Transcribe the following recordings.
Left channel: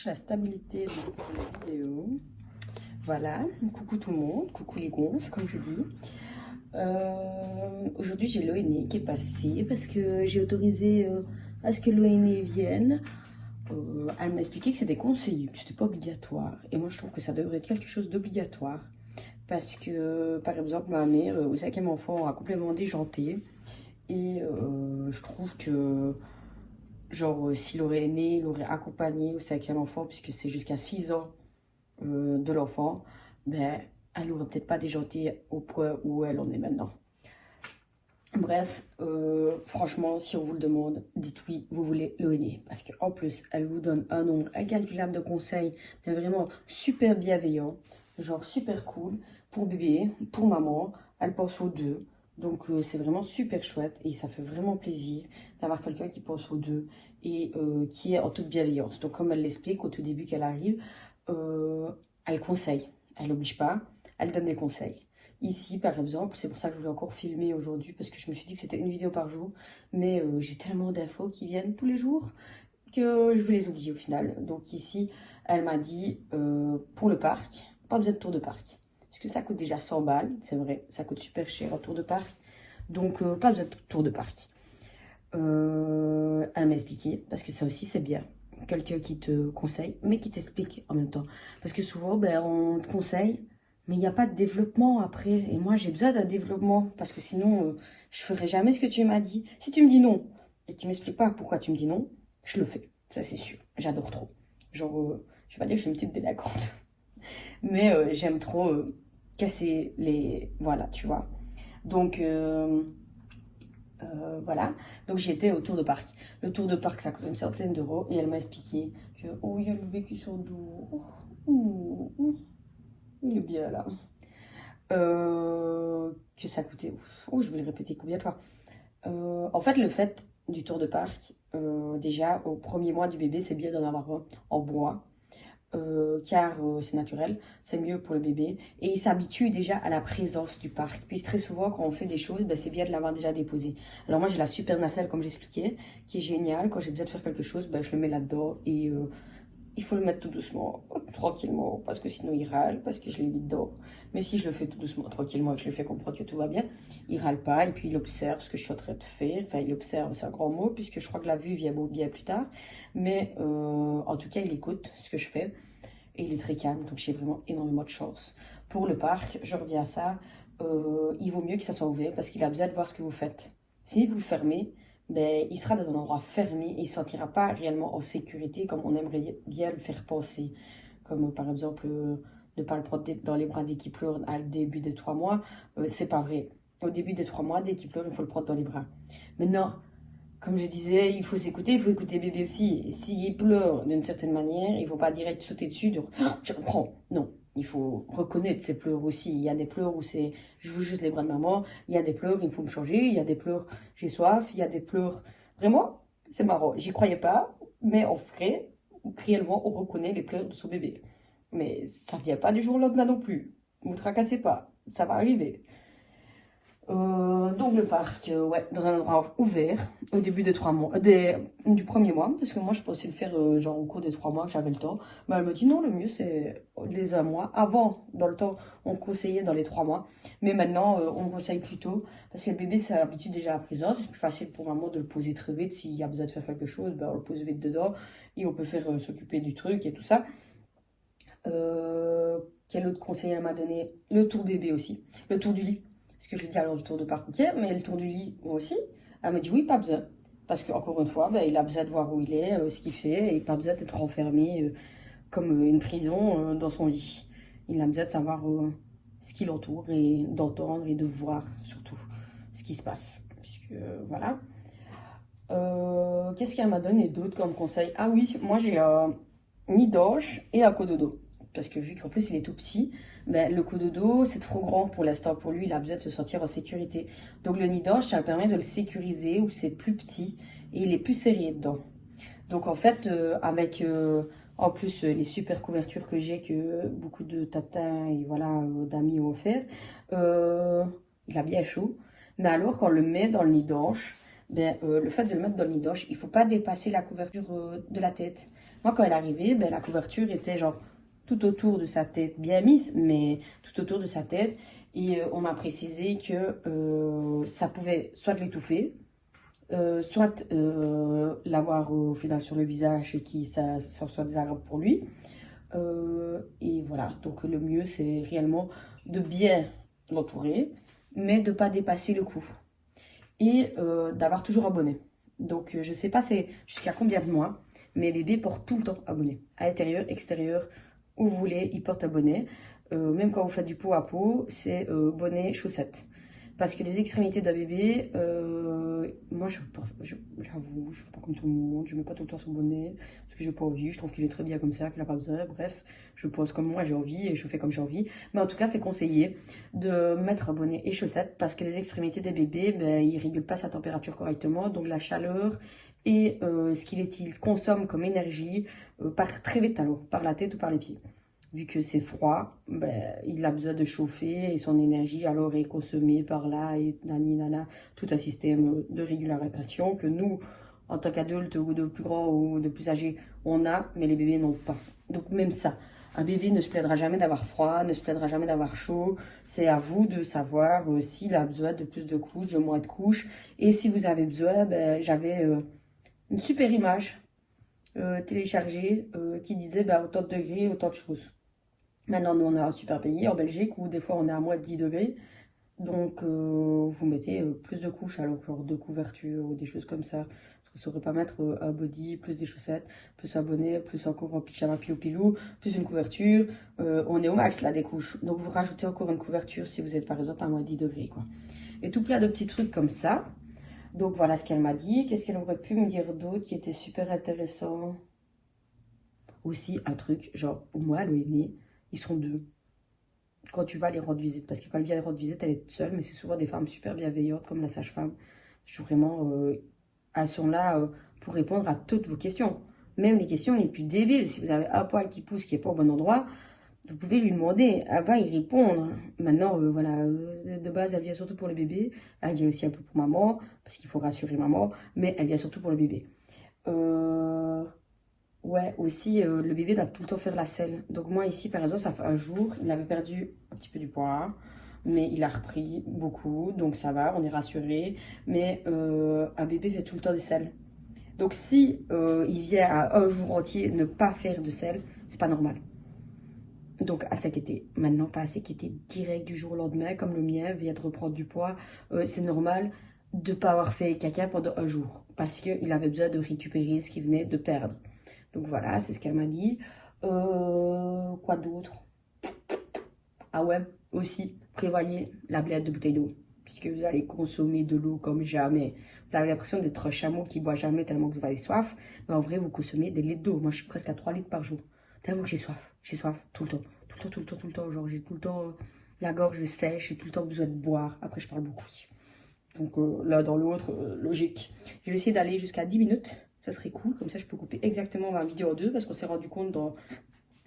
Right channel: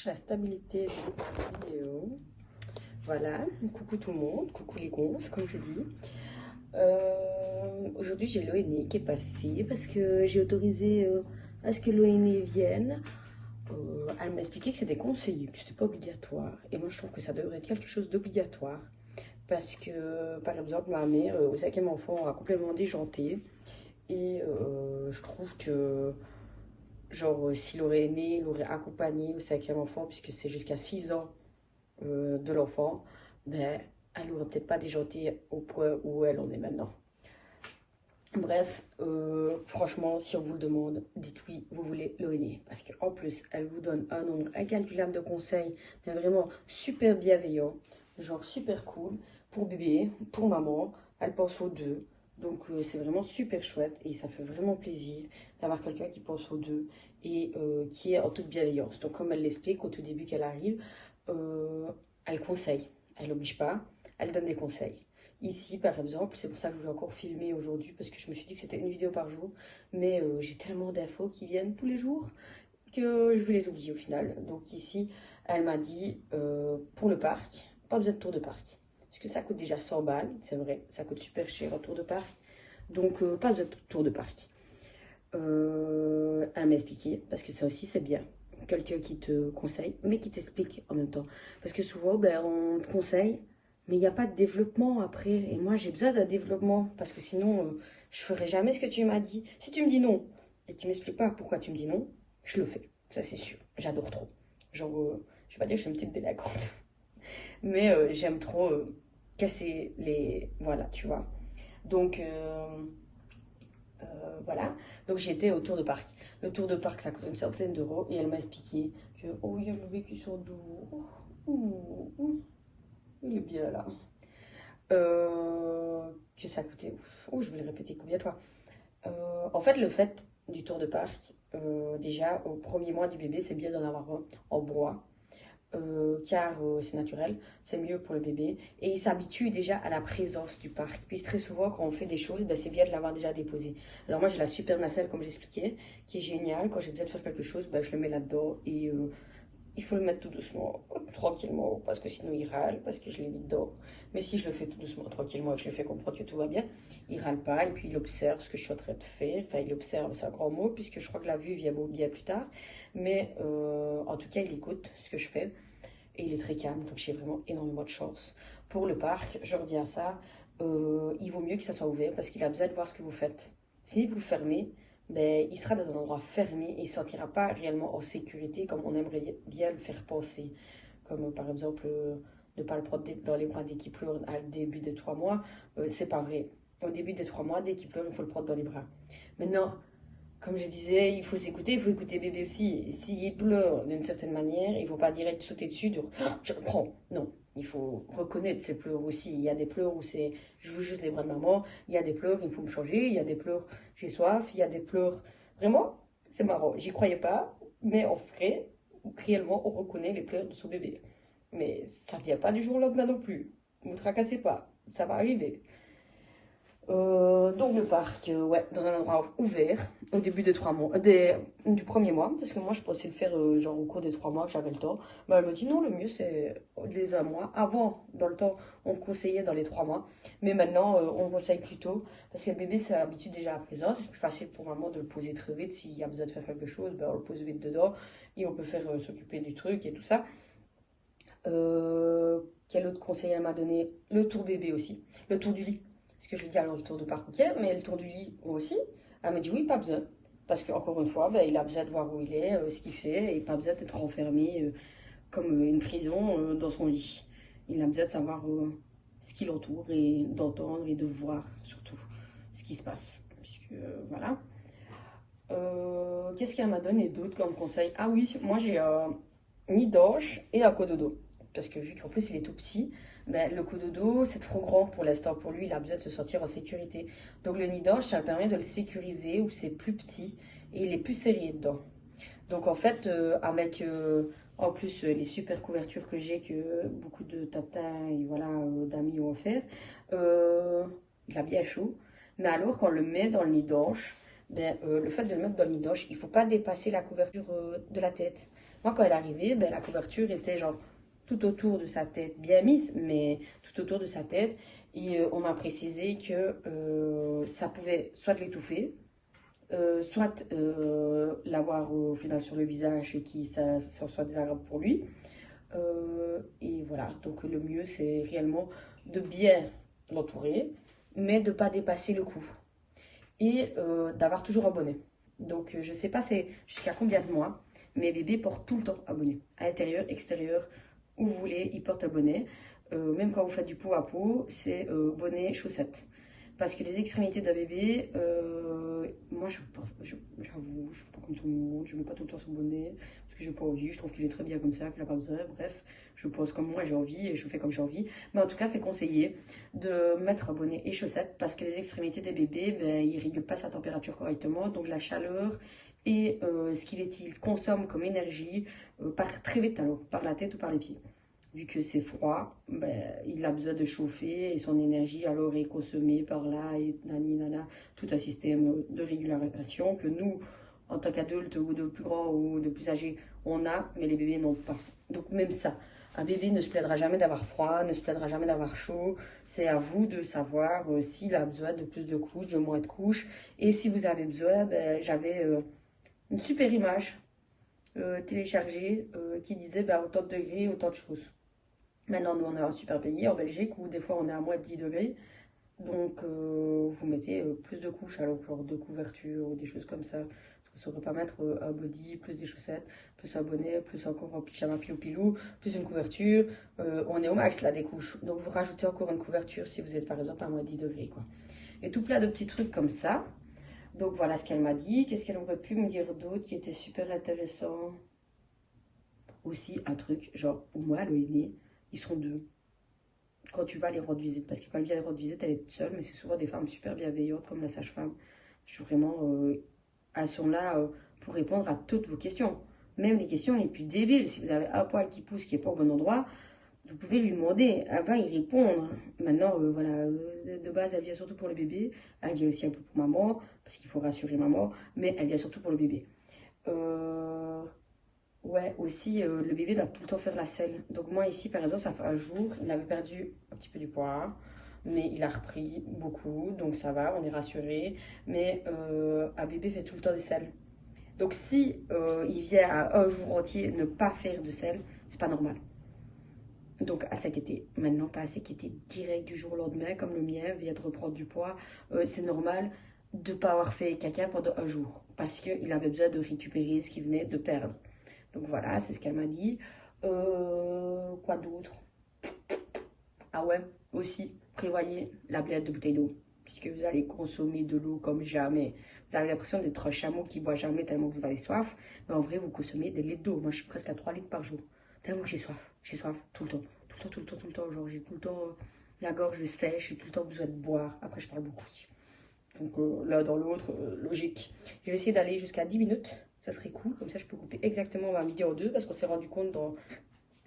cherche la stabilité de la vidéo. Voilà, coucou tout le monde, coucou les gonzes, comme je dis. Aujourd'hui, j'ai l'ONE qui est passé parce que j'ai autorisé à ce que l'ONE vienne. Elle m'a expliqué que c'était conseillé, que c'était pas obligatoire. Et moi, je trouve que ça devrait être quelque chose d'obligatoire. Parce que, par exemple, ma mère, au 5e enfant, a complètement déjanté. Et je trouve que, genre, s'il aurait né, il aurait accompagné au 5e enfant, puisque c'est jusqu'à 6 ans de l'enfant, ben, elle n'aurait peut-être pas déjanté au point où elle en est maintenant. Bref, franchement, si on vous le demande, dites oui, vous voulez l'ONE. Parce qu'en plus, elle vous donne un nombre incalculable de conseils, mais vraiment super bienveillants, genre super cool, pour bébé, pour maman, elle pense aux deux. Donc c'est vraiment super chouette et ça fait vraiment plaisir d'avoir quelqu'un qui pense aux deux et qui est en toute bienveillance. Donc comme elle l'explique au tout début qu'elle arrive, elle conseille, elle n'oblige pas, elle donne des conseils. Ici, par exemple, c'est pour ça que je voulais encore filmer aujourd'hui, parce que je me suis dit que c'était une vidéo par jour, mais j'ai tellement d'infos qui viennent tous les jours que je vais les oublier au final. Donc ici, elle m'a dit, pour le parc, pas besoin de tour de parc. Parce que ça coûte déjà 100 balles, c'est vrai, ça coûte super cher un tour de parc. Donc pas besoin de tour de parc. Elle m'a expliqué, parce que ça aussi c'est bien. Quelqu'un qui te conseille, mais qui t'explique en même temps. Parce que souvent, ben, on te conseille, mais il n'y a pas de développement après. Et moi, j'ai besoin d'un développement, parce que sinon, je ferai jamais ce que tu m'as dit. Si tu me dis non, et tu m'expliques pas pourquoi tu me dis non, je le fais. Ça, c'est sûr. J'adore trop. Genre, je vais pas dire que je suis une petite délinquante, mais j'aime trop casser les... Voilà, tu vois. Donc... voilà, donc j'étais au tour de parc. Le tour de parc, ça coûte une centaine d'euros et elle m'a expliqué que, oh, il y a le vécu sur le dos. Il est bien là. Que ça coûtait, oh, je vais le répéter combien de fois. En fait, le fait du tour de parc, déjà, au premier mois du bébé, c'est bien d'en avoir un en bois. Car c'est naturel, c'est mieux pour le bébé. Et il s'habitue déjà à la présence du parc. Puis très souvent, quand on fait des choses, ben, c'est bien de l'avoir déjà déposé. Alors moi, j'ai la super nacelle, comme j'expliquais, qui est géniale. Quand j'ai besoin de faire quelque chose, ben, je le mets là-dedans. Et il faut le mettre tout doucement, tranquillement, parce que sinon il râle, parce que je l'ai mis dedans. Mais si je le fais tout doucement, tranquillement, et que je le fais comprendre que tout va bien, il râle pas. Et puis il observe ce que je suis en train de faire. Enfin, il observe, c'est un grand mot, puisque je crois que la vue vient bien plus tard. Mais en tout cas, il écoute ce que je fais. Et il est très calme, donc j'ai vraiment énormément de chance. Pour le parc, je redis à ça, il vaut mieux que ça soit ouvert parce qu'il a besoin de voir ce que vous faites. Si vous le fermez, ben, il sera dans un endroit fermé et il ne se sentira pas réellement en sécurité comme on aimerait bien le faire penser. Comme par exemple, ne pas le prendre dans les bras dès qu'il pleure à début des 3 mois, c'est pas vrai. Au début des 3 mois, dès qu'il pleure, il faut le prendre dans les bras. Maintenant, comme je disais, il faut s'écouter, il faut écouter bébé aussi. S'il pleure d'une certaine manière, il ne faut pas direct sauter dessus, dire oh, je reprends. Non, il faut reconnaître ses pleurs aussi. Il y a des pleurs où c'est je veux juste les bras de maman, il y a des pleurs, il faut me changer, il y a des pleurs, j'ai soif, il y a des pleurs. Vraiment, c'est marrant, j'y croyais pas, mais en vrai, réellement, on reconnaît les pleurs de son bébé. Mais ça ne vient pas du jour au lendemain non plus. Ne vous tracassez pas, ça va arriver. Donc le parc, ouais, dans un endroit ouvert au début des 3 mois, du premier mois, parce que moi je pensais le faire genre au cours des 3 mois, j'avais le temps. Mais elle me dit non, le mieux c'est les 1 mois. Avant, dans le temps, on conseillait dans les 3 mois, mais maintenant on conseille plus tôt parce que le bébé s'habitue déjà à la présence. C'est plus facile pour maman de le poser très vite. S'il y a besoin de faire quelque chose, ben, on le pose vite dedans et on peut faire s'occuper du truc et tout ça. Euh, Quel autre conseil elle m'a donné? Le tour bébé aussi, le tour du lit. Parce que je lui dis alors le tour de parc, ok, mais le tour du lit aussi. Elle me dit oui, pas besoin. Parce qu'encore une fois, ben, il a besoin de voir où il est, ce qu'il fait, et pas besoin d'être enfermé comme une prison dans son lit. Il a besoin de savoir ce qui l'entoure et d'entendre et de voir surtout ce qui se passe. Puisque voilà. Qu'est-ce qu'elle m'a donné d'autre comme conseil? Ah oui, moi j'ai un nid d'ange et un cododo. Parce que vu qu'en plus il est tout petit, ben, le cododo c'est trop grand pour l'instant. Pour lui, il a besoin de se sentir en sécurité. Donc le nid d'ange, ça permet de le sécuriser où c'est plus petit et il est plus serré dedans. Donc en fait, avec en plus les super couvertures que j'ai, que beaucoup de tatins et voilà, d'amis ont offert, euh, il a bien chaud. Mais alors, quand on le met dans le nid d'ange, ben, le fait de le mettre dans le nidoche, il ne faut pas dépasser la couverture de la tête. Moi, quand elle est arrivée, ben, la couverture était genre tout autour de sa tête, bien mise, mais tout autour de sa tête. Et on m'a précisé que ça pouvait soit l'étouffer, soit l'avoir au final sur le visage et que ça soit désagréable pour lui. Et voilà, donc le mieux c'est réellement de bien l'entourer, mais de ne pas dépasser le cou. Et d'avoir toujours un bonnet. Donc je sais pas c'est jusqu'à combien de mois, mais les bébés portent tout le temps un bonnet. À l'intérieur, extérieur, où vous voulez, ils portent un bonnet. Même quand vous faites du pot à pot, c'est bonnet, chaussettes. Parce que les extrémités d'un bébé, moi j'avoue, je fais pas comme tout le monde, je mets pas tout le temps son bonnet, parce que j'ai pas envie, je trouve qu'il est très bien comme ça, qu'il n'a pas besoin, bref, je pose comme moi j'ai envie et je fais comme j'ai envie. Mais en tout cas, c'est conseillé de mettre un bonnet et chaussettes parce que les extrémités des bébés, ben, ils ne régulent pas sa température correctement, donc la chaleur et ce qu'il consomme comme énergie part très vite alors, par la tête ou par les pieds. Vu que c'est froid, ben, il a besoin de chauffer et son énergie alors est consommée par là et nani nana, tout un système de régulation que nous, en tant qu'adultes ou de plus grands ou de plus âgés, on a, mais les bébés n'ont pas. Donc même ça, un bébé ne se plaindra jamais d'avoir froid, ne se plaindra jamais d'avoir chaud. C'est à vous de savoir s'il a besoin de plus de couches, de moins de couches. Et si vous avez besoin, ben, j'avais une super image téléchargée qui disait ben, autant de degrés, autant de choses. Maintenant, nous, on a un super pays en Belgique où des fois on est à moins de 10 degrés. Donc, vous mettez plus de couches, alors genre deux couvertures ou des choses comme ça. Vous ne saurez pas mettre un body, plus des chaussettes, plus un bonnet, plus encore un pyjama pilou, plus une couverture. On est au max là des couches. Donc, vous rajoutez encore une couverture si vous êtes par exemple à moins de 10 degrés, quoi. Et tout plein de petits trucs comme ça. Donc, voilà ce qu'elle m'a dit. Qu'est-ce qu'elle aurait pu me dire d'autre qui était super intéressant? Aussi, un truc, genre, pour moi, le aîné, ils sont deux. Quand tu vas les rendre visite, parce que quand elle vient les rendre visite, elle est toute seule, mais c'est souvent des femmes super bienveillantes, comme la sage-femme. Je suis vraiment, elles sont là pour répondre à toutes vos questions. Même les questions les plus débiles. Si vous avez un poil qui pousse, qui n'est pas au bon endroit, vous pouvez lui demander. Elle va y répondre. Maintenant, voilà, de base, elle vient surtout pour le bébé. Elle vient aussi un peu pour maman, parce qu'il faut rassurer maman, mais elle vient surtout pour le bébé. Ouais, aussi, le bébé doit tout le temps faire la selle. Donc moi, ici, par exemple, ça fait un jour, il avait perdu un petit peu du poids, mais il a repris beaucoup, donc ça va, on est rassuré. Mais un bébé fait tout le temps des selles. Donc si il vient à un jour entier ne pas faire de selle, c'est pas normal. Donc à s'inquiéter. Maintenant, pas à s'inquiéter direct du jour au lendemain, comme le mien vient de reprendre du poids. C'est normal de ne pas avoir fait caca pendant un jour, parce qu'il avait besoin de récupérer ce qu'il venait de perdre. Donc voilà, c'est ce qu'elle m'a dit. Quoi d'autre? Ah ouais, aussi, prévoyez la blette de bouteille d'eau. Puisque vous allez consommer de l'eau comme jamais. Vous avez l'impression d'être un chameau qui boit jamais tellement que vous avez soif. Mais en vrai, vous consommez des litres d'eau. Moi, je suis presque à 3 litres par jour. Tellement que j'ai soif. J'ai soif tout le temps. Tout le temps, tout le temps, tout le temps. Genre, j'ai tout le temps la gorge sèche. J'ai tout le temps besoin de boire. Après, je parle beaucoup aussi. Donc l'un dans l'autre, logique. Je vais essayer d'aller jusqu'à 10 minutes. Ça serait cool. Comme ça, je peux couper exactement ma vidéo en deux. Parce qu'on s'est rendu compte dans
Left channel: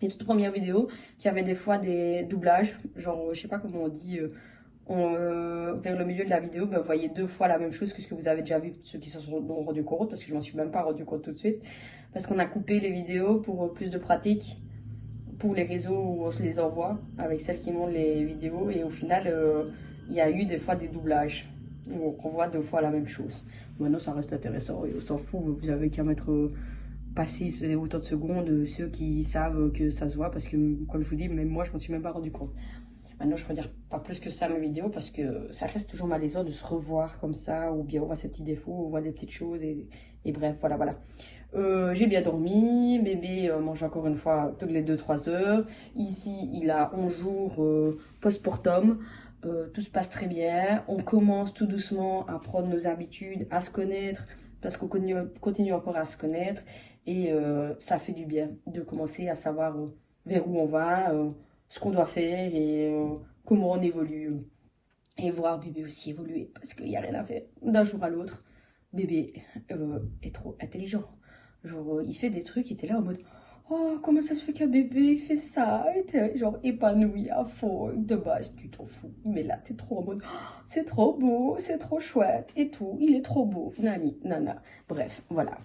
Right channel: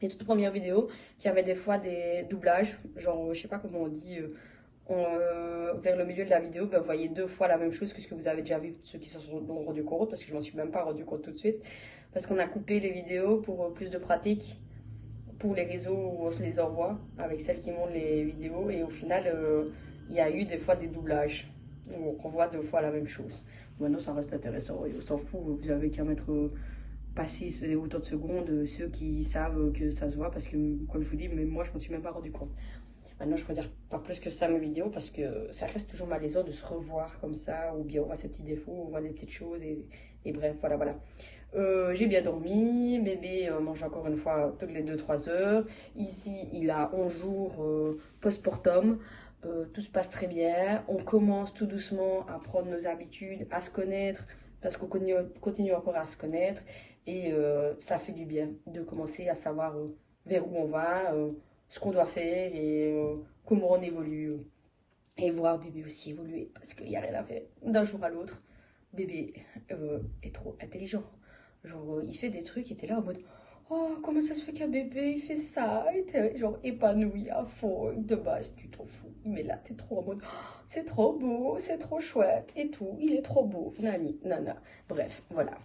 les toutes premières vidéos qu'il y avait des fois des doublages. Genre, je sais pas comment on dit. Vers le milieu de la vidéo, ben, vous voyez deux fois la même chose que ce que vous avez déjà vu, ceux qui se sont rendus compte. Parce que je m'en suis même pas rendu compte tout de suite. Parce qu'on a coupé les vidéos pour plus de pratique. Pour les réseaux où on se les envoie. Avec celles qui montrent les vidéos. Et au final, il y a eu des fois des doublages où on voit deux fois la même chose. Maintenant, ça reste intéressant et on s'en fout. Vous avez qu'à mettre passer autant de secondes, ceux qui savent que ça se voit, parce que, comme je vous dis, même moi, je m'en suis même pas rendu compte. Maintenant, je peux dire pas plus que ça mes vidéos, parce que ça reste toujours malaisant de se revoir comme ça, ou bien on voit ses petits défauts, on voit des petites choses, et bref, voilà, voilà. J'ai bien dormi, bébé mange encore une fois toutes les 2-3 heures. Ici, il a 11 jours post-mortem. Tout se passe très bien. On commence tout doucement à prendre nos habitudes, à se connaître, parce qu'on continue encore à se connaître. Et ça fait du bien de commencer à savoir vers où on va, ce qu'on doit faire et comment on évolue. Et voir bébé aussi évoluer, parce qu'il n'y a rien à faire. D'un jour à l'autre, bébé est trop intelligent. Genre, il fait des trucs, il était là en mode Oh, comment ça se fait qu'un bébé il fait ça? Et t'es genre épanoui à fond. De base, tu t'en fous. Mais là, t'es trop en mode, oh, c'est trop beau, c'est trop chouette et tout. Il est trop beau. Nani, nana. Bref, voilà.